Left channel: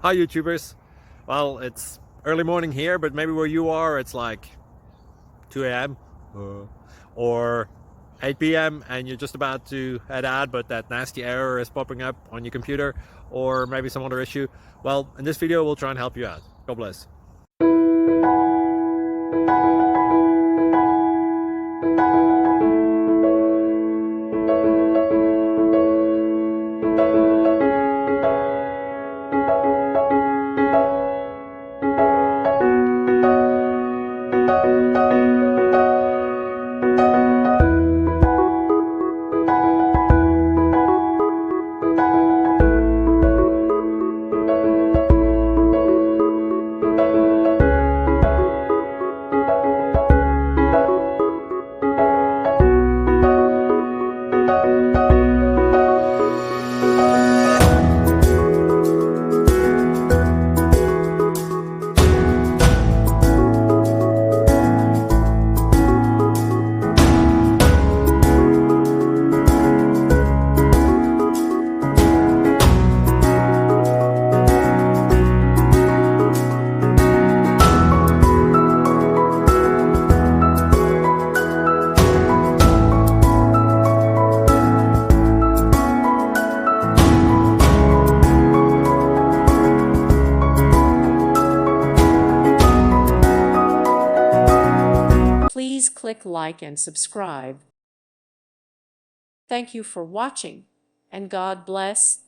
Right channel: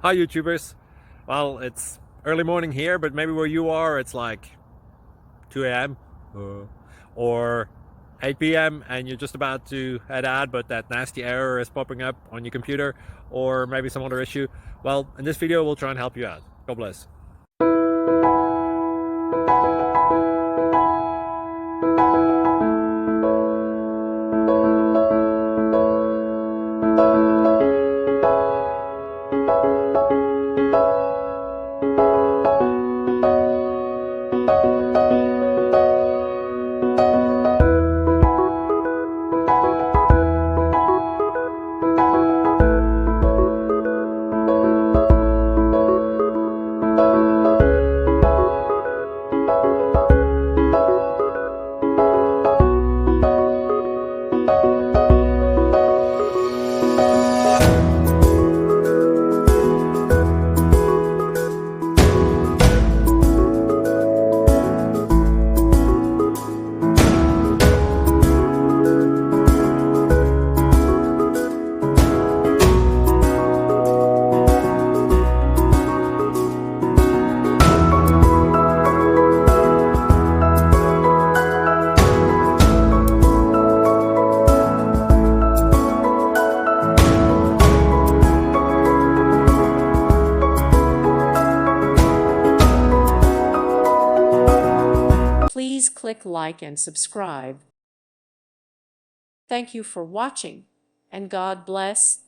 Hi YouTubers. Well, it's early morning here, but maybe where you are it's like 2 a.m. or 8 p.m. and you're just about to head out, but that nasty error is popping up on your computer, or maybe some other issue. Well, in this video we'll try and help you out. God bless. Please click like and subscribe. Thank you for watching, and God bless.